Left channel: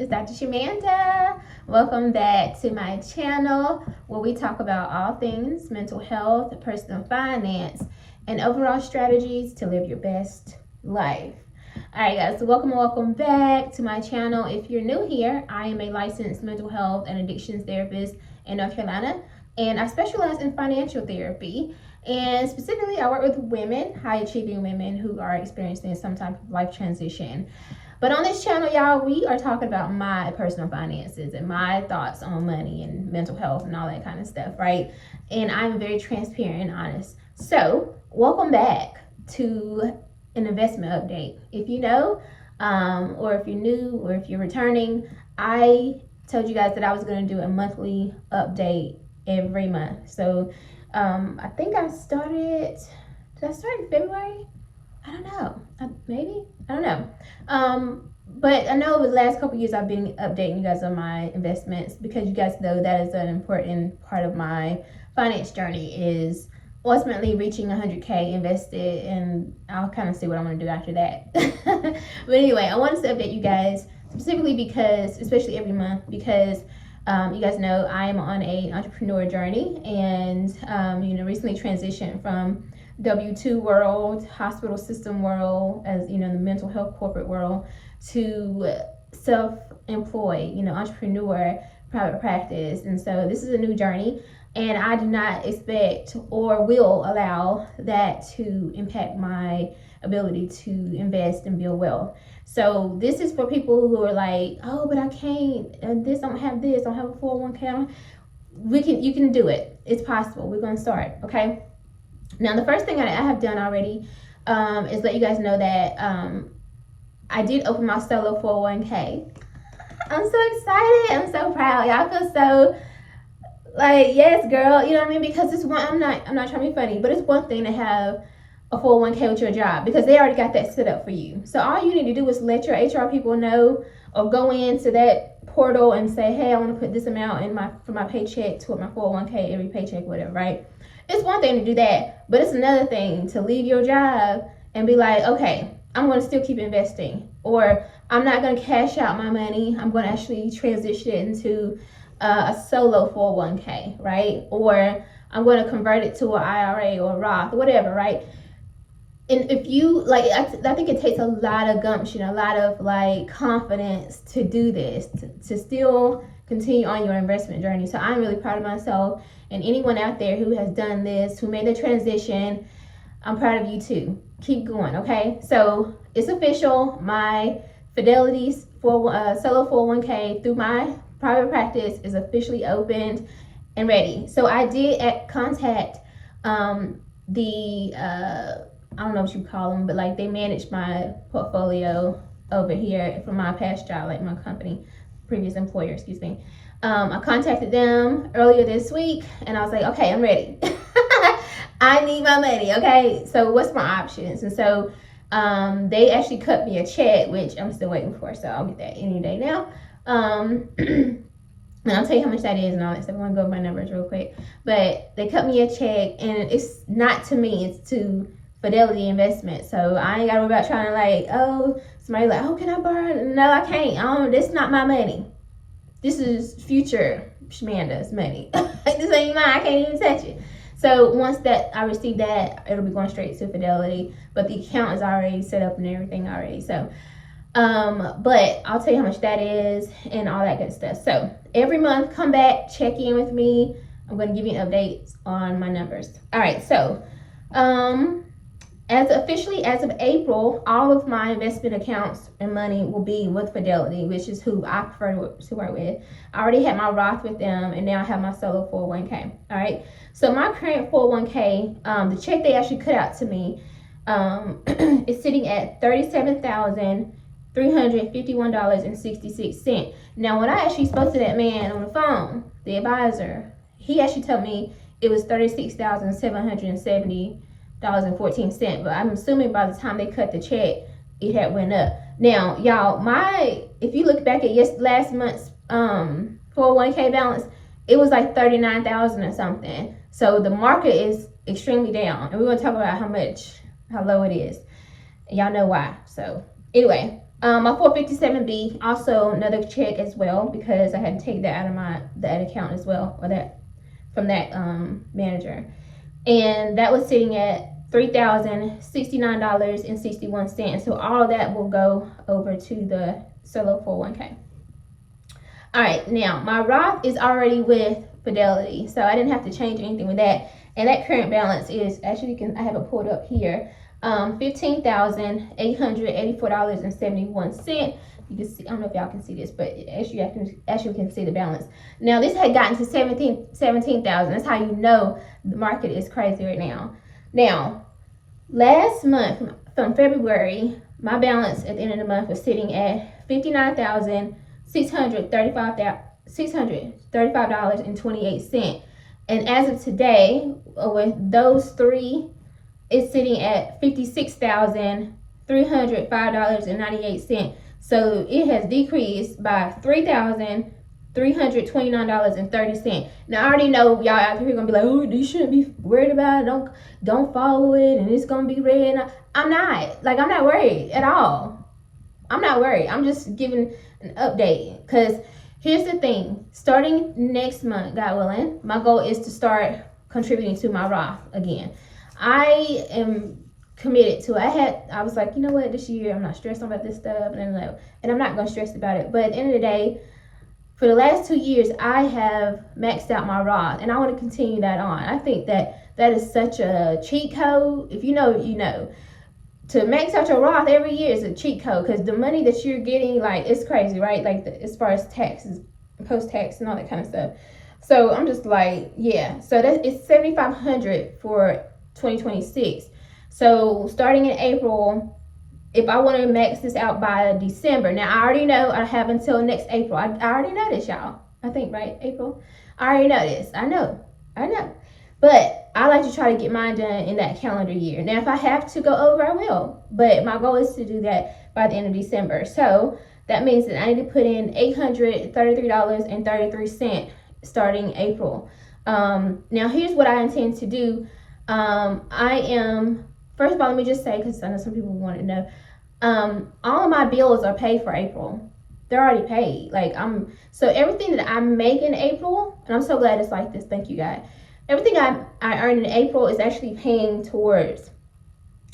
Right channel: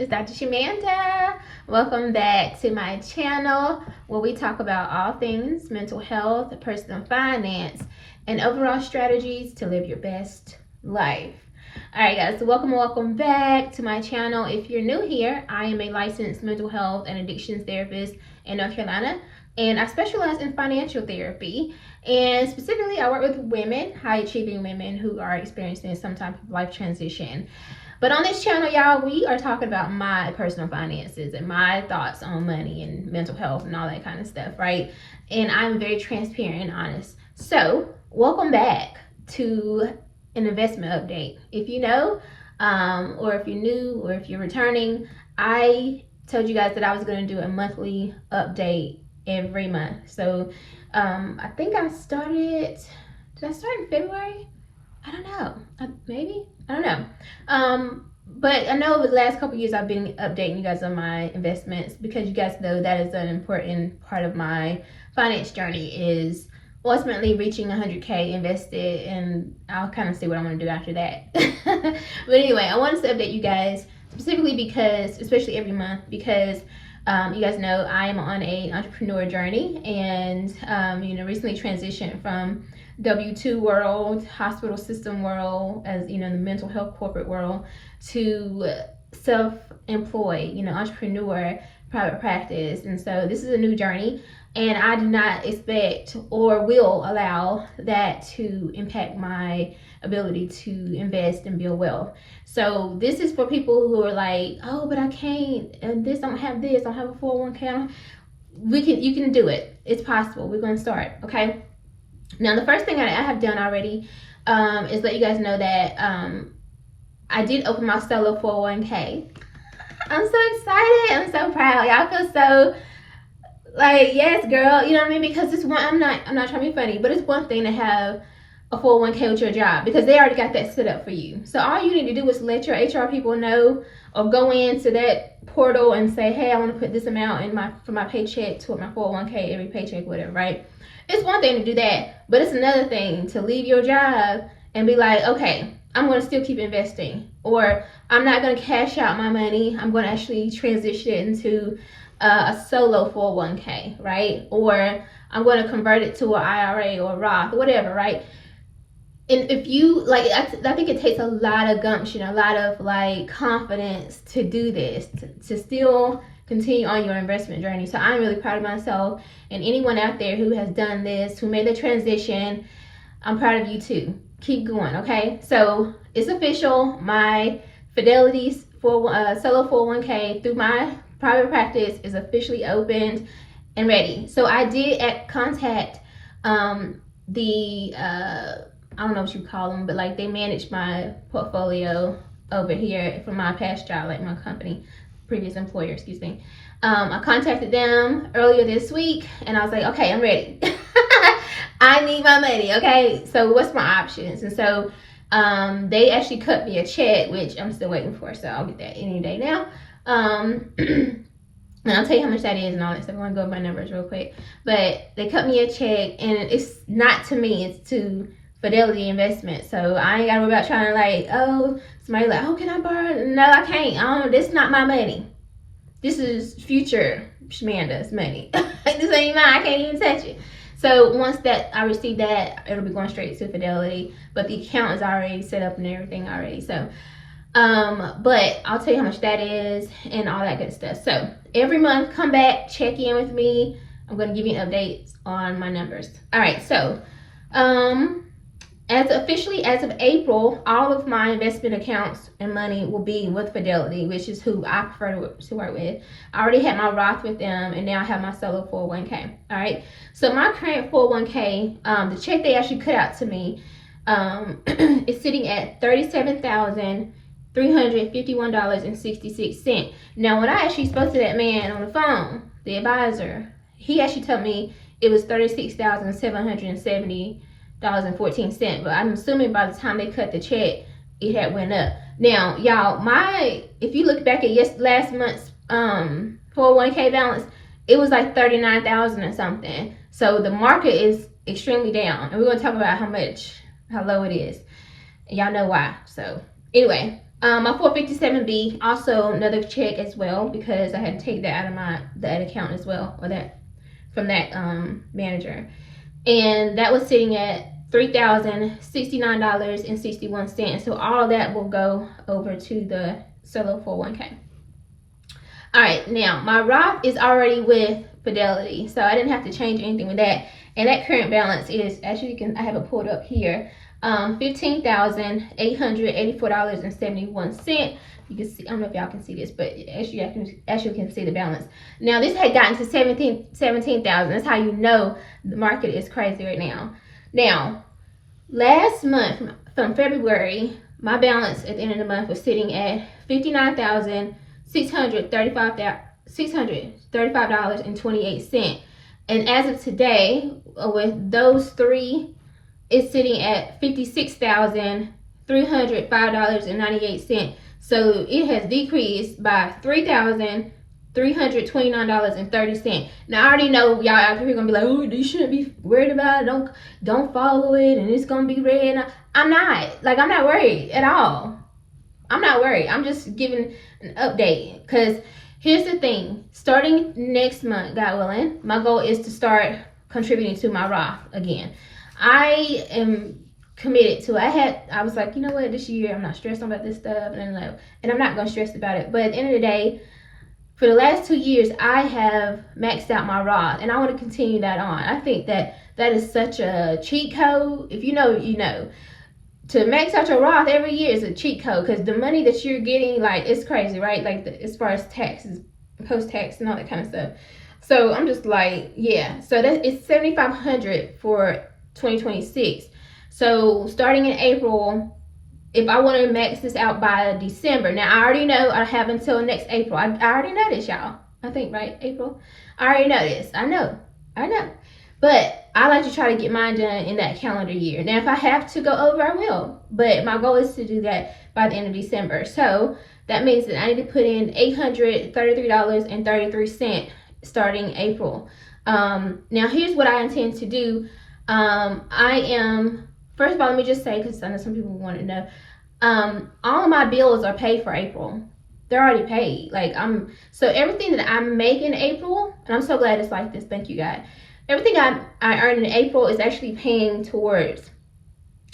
It's Dr. Shamanda. Welcome back to my channel where we talk about all things mental health, personal finance, and overall strategies to live your best life. Alright guys, so welcome back to my channel. If you're new here, I am a licensed mental health and addictions therapist in North Carolina, and I specialize in financial therapy. And specifically, I work with women, high achieving women who are experiencing some type of life transition. But on this channel, y'all, we are talking about my personal finances and my thoughts on money and mental health and all that kind of stuff, right? And I'm very transparent and honest. So welcome back to an investment update. If you know, or if you're new, or if you're returning, I told you guys that I was going to do a monthly update every month. So I think did I start in February? I don't know, maybe, I don't know. But I know the last couple years I've been updating you guys on my investments, because you guys know that is an important part of my finance journey, is ultimately reaching 100K invested, and I'll kind of see what I want to do after that. But anyway, I wanted to update you guys specifically because, especially every month, because you guys know I am on an entrepreneur journey, and recently transitioned from W-2 world, hospital system world, as the mental health corporate world, to self-employed, entrepreneur, private practice. And so this is a new journey, and I do not expect or will allow that to impact my ability to invest and build wealth. So this is for people who are like, oh, but I can't, and don't have a 401k. You can do it. It's possible. We're going to start, okay? Now, the first thing I have done already is let you guys know that I did open my solo 401k. I'm so excited. I'm so proud. Y'all feel so like, yes, girl. You know what I mean? Because it's one. I'm not trying to be funny, but it's one thing to have a 401k with your job, because they already got that set up for you. So all you need to do is let your HR people know, or go into that portal and say, hey, I want to put this amount in for my paycheck toward my 401k every paycheck, whatever, right? It's one thing to do that, but it's another thing to leave your job and be like, okay, I'm going to still keep investing, or I'm not going to cash out my money. I'm going to actually transition it into a solo 401k, right? Or I'm going to convert it to an IRA or a Roth, whatever, right? And if you like, I think it takes a lot of gumption, a lot of like confidence to do this, to still continue on your investment journey. So I'm really proud of myself, and anyone out there who has done this, who made the transition, I'm proud of you too. Keep going, okay? So it's official. My Fidelity's solo 401k through my private practice is officially opened and ready. So I did contact I don't know what you call them, but like they manage my portfolio over here from my past job, like my previous employer, excuse me. I contacted them earlier this week, and I was like, okay, I'm ready. I need my money, okay? So what's my options? And so they actually cut me a check, which I'm still waiting for, so I'll get that any day now. And I'll tell you how much that is and all that stuff. I'm gonna go over my numbers real quick. But they cut me a check, and it's not to me, it's to Fidelity Investment. So I ain't gotta worry about trying to like, oh, somebody like, oh, can I borrow? No, I can't. This is not my money. This is future Shamanda's money. This ain't mine. I can't even touch it. So once that I receive that, it'll be going straight to Fidelity. But the account is already set up and everything already. So, but I'll tell you how much that is and all that good stuff. So every month, come back, check in with me. I'm gonna give you updates on my numbers. All right. So, as of April, all of my investment accounts and money will be with Fidelity, which is who I prefer to work with. I already had my Roth with them, and now I have my solo 401k. All right. So my current 401k, the check they actually cut out to me, is sitting at $37,351.66. Now, when I actually spoke to that man on the phone, the advisor, he actually told me it was $36,770.14. But I'm assuming by the time they cut the check, it had went up. Now, y'all, if you look back at last month's 401k balance, it was like 39,000 or something. So the market is extremely down, and we're gonna talk about how low it is. And y'all know why. So anyway, My 457B, also another check as well, because I had to take that out of that account as well, or that from that manager, and that was sitting at $3,069.61. So all of that will go over to the solo 401k. All right, now my Roth is already with Fidelity, so I didn't have to change anything with that, and that current balance is, actually, I have it pulled up here, $15,884.71. You can see, I don't know if y'all can see this, but actually you can see the balance. Now this had gotten to 17,000. That's how you know the market is crazy right now. Now, last month, from February, my balance at the end of the month was sitting at $59,635.28. And as of today, with those three, it's sitting at $56,305.98. So it has decreased by $3,329.30. Now I already know y'all out here gonna be like, oh, you shouldn't be worried about it. Don't follow it, and it's gonna be red. I'm not worried at all. I'm not worried. I'm just giving an update, because here's the thing. Starting next month, God willing, my goal is to start contributing to my Roth again. I am committed to it. I was like, you know what, this year I'm not stressed about this stuff, and I'm not gonna stress about it. But at the end of the day, for the last 2 years, I have maxed out my Roth, and I want to continue that on. I think that is such a cheat code. If you know, you know. To max out your Roth every year is a cheat code, because the money that you're getting, like, it's crazy, right? Like, as far as taxes, post-tax, and all that kind of stuff. So I'm just like, yeah. So it's $7,500 for 2026. So starting in April, if I want to max this out by December, now I already know I have until next April. I already know this, y'all. I think, right? April? I already know this. I know. But I like to try to get mine done in that calendar year. Now, if I have to go over, I will. But my goal is to do that by the end of December. So that means that I need to put in $833.33 starting April. Now, here's what I intend to do. First of all, let me just say, because I know some people want to know, all of my bills are paid for April. They're already paid. So everything that I make in April, and I'm so glad it's like this, thank you, God. Everything I earn in April is actually paying towards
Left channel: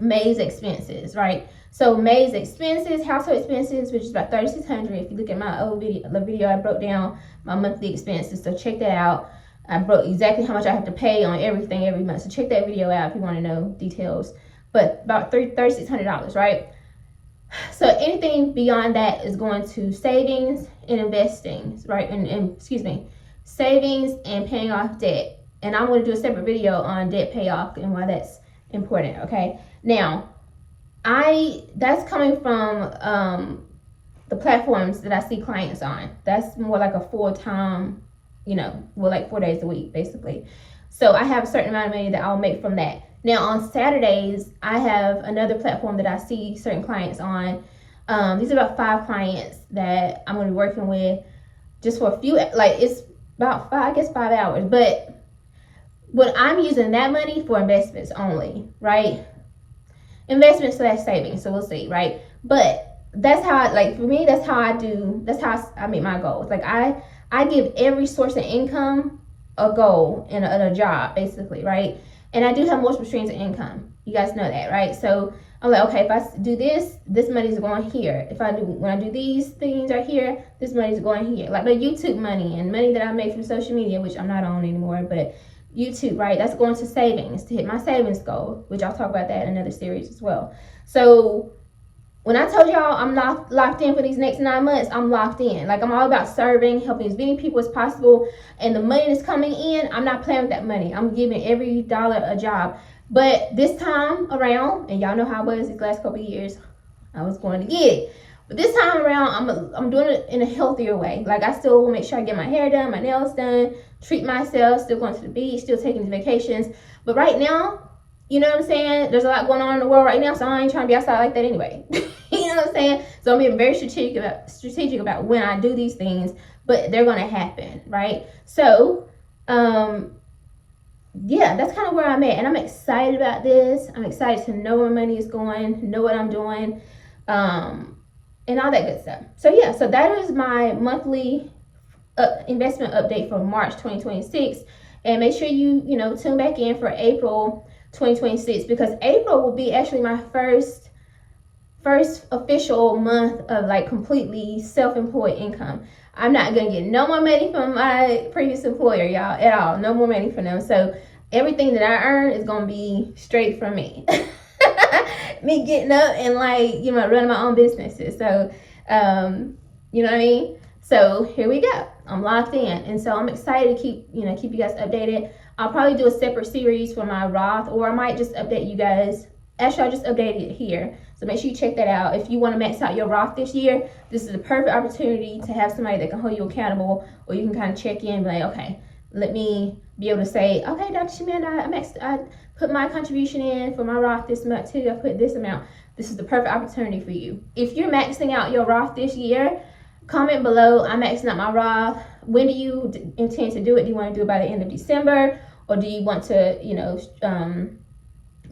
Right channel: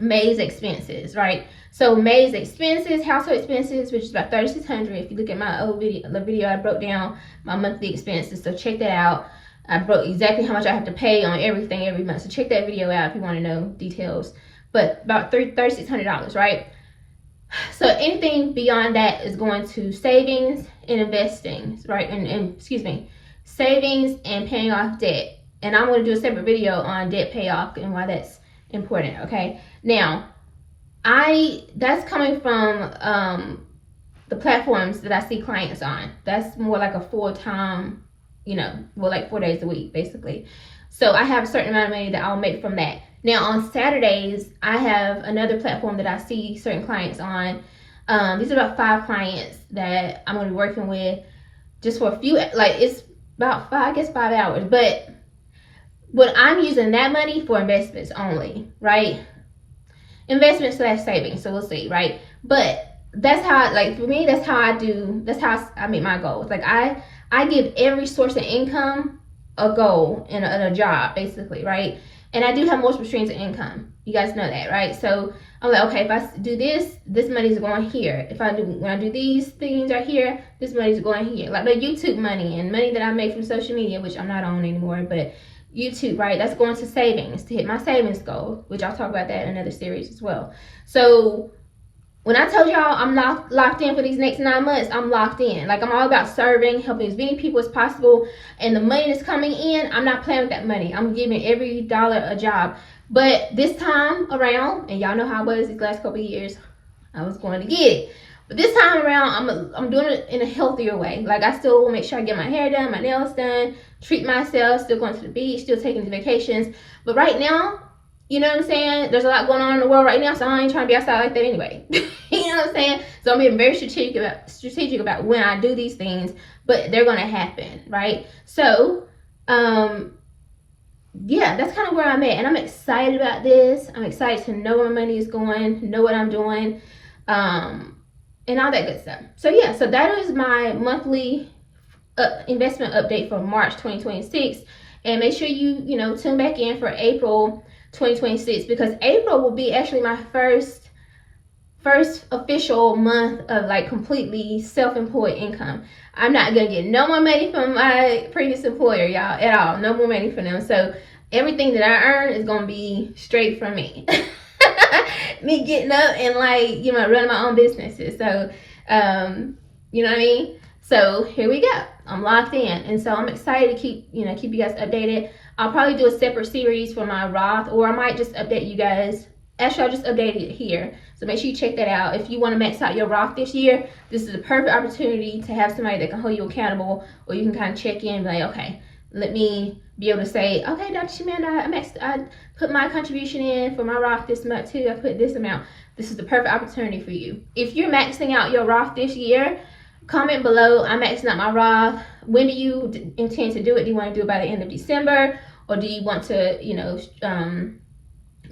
May's expenses, right? So May's expenses, household expenses, which is about $3,600. If you look at my old video, I broke down my monthly expenses, so check that out. I broke exactly how much I have to pay on everything every month. So check that video out if you want to know details. But about $3,600, right? So anything beyond that is going to savings and investing, right? And savings and paying off debt. And I'm going to do a separate video on debt payoff and why that's important, okay? Now, that's coming from the platforms that I see clients on. That's more like a full-time, like 4 days a week, basically. So I have a certain amount of money that I'll make from that. Now, on Saturdays, I have another platform that I see certain clients on. These are about 5 clients that I'm going to be working with just for a few, it's about 5 hours. But I'm using that money for investments only, right? Investments / savings, so we'll see, right? But that's how, for me, that's how I meet my goals. I give every source of income a goal and a job, basically, right? And I do have multiple streams of income. You guys know that, right? So I'm like, okay, if I do this money is going here. When I do these things right here, this money is going here. Like my YouTube money and money that I make from social media, which I'm not on anymore, but YouTube, right? That's going to savings to hit my savings goal, which I'll talk about that in another series as well. So when I told y'all I'm locked in for these next 9 months, I'm locked in. I'm all about serving, helping as many people as possible. And the money that's coming in, I'm not playing with that money. I'm giving every dollar a job. But this time around, and y'all know how it was these last couple of years, I was going to get it. But this time around, I'm doing it in a healthier way. I still want to make sure I get my hair done, my nails done, treat myself, still going to the beach, still taking vacations. But right now, you know what I'm saying? There's a lot going on in the world right now, so I ain't trying to be outside like that anyway. You know what I'm saying? So I'm being very strategic about when I do these things, but they're going to happen, right? So, yeah, that's kind of where I'm at, and I'm excited about this. I'm excited to know where my money is going, know what I'm doing, and all that good stuff. So yeah, so that is my monthly investment update for March 2026. And make sure you tune back in for April 2026, because April will be actually my first official month of like completely self-employed income. I'm not gonna get no more money from my previous employer, y'all, at all. No more money from them. So everything that I earn is gonna be straight from me. Me getting up and like running my own businesses. So you know what I mean? So here we go. I'm locked in, and so I'm excited to keep you guys updated. I'll probably do a separate series for my Roth, or I might just update you guys. Actually, I'll just update it here. So make sure you check that out. If you want to max out your Roth this year, this is a perfect opportunity to have somebody that can hold you accountable, or you can kind of check in and be like, okay, let me be able to say, okay, Dr. Shamanda, I put my contribution in for my Roth this month too. I put this amount. This is the perfect opportunity for you. If you're maxing out your Roth this year, comment below, I'm maxing out my Roth. When do you intend to do it? Do you want to do it by the end of December? Or do you want to,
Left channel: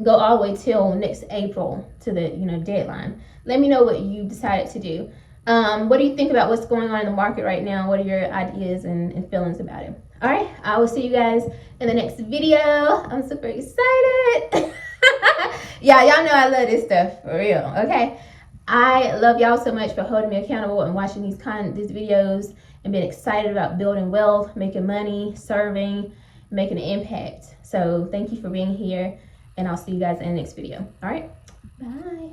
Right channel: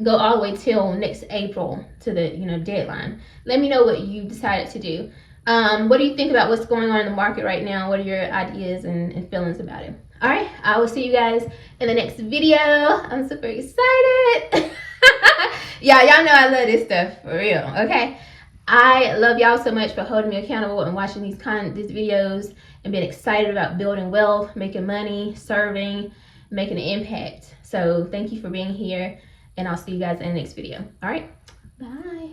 go all the way till next April to the, deadline? Let me know what you decided to do. What do you think about what's going on in the market right now? What are your ideas and feelings about it? All right, I will see you guys in the next video. I'm super excited. Yeah, y'all know I love this stuff, for real, okay? I love y'all so much for holding me accountable and watching these videos and being excited about building wealth, making money, serving, making an impact. So thank you for being here, and I'll see you guys in the next video. All right, bye.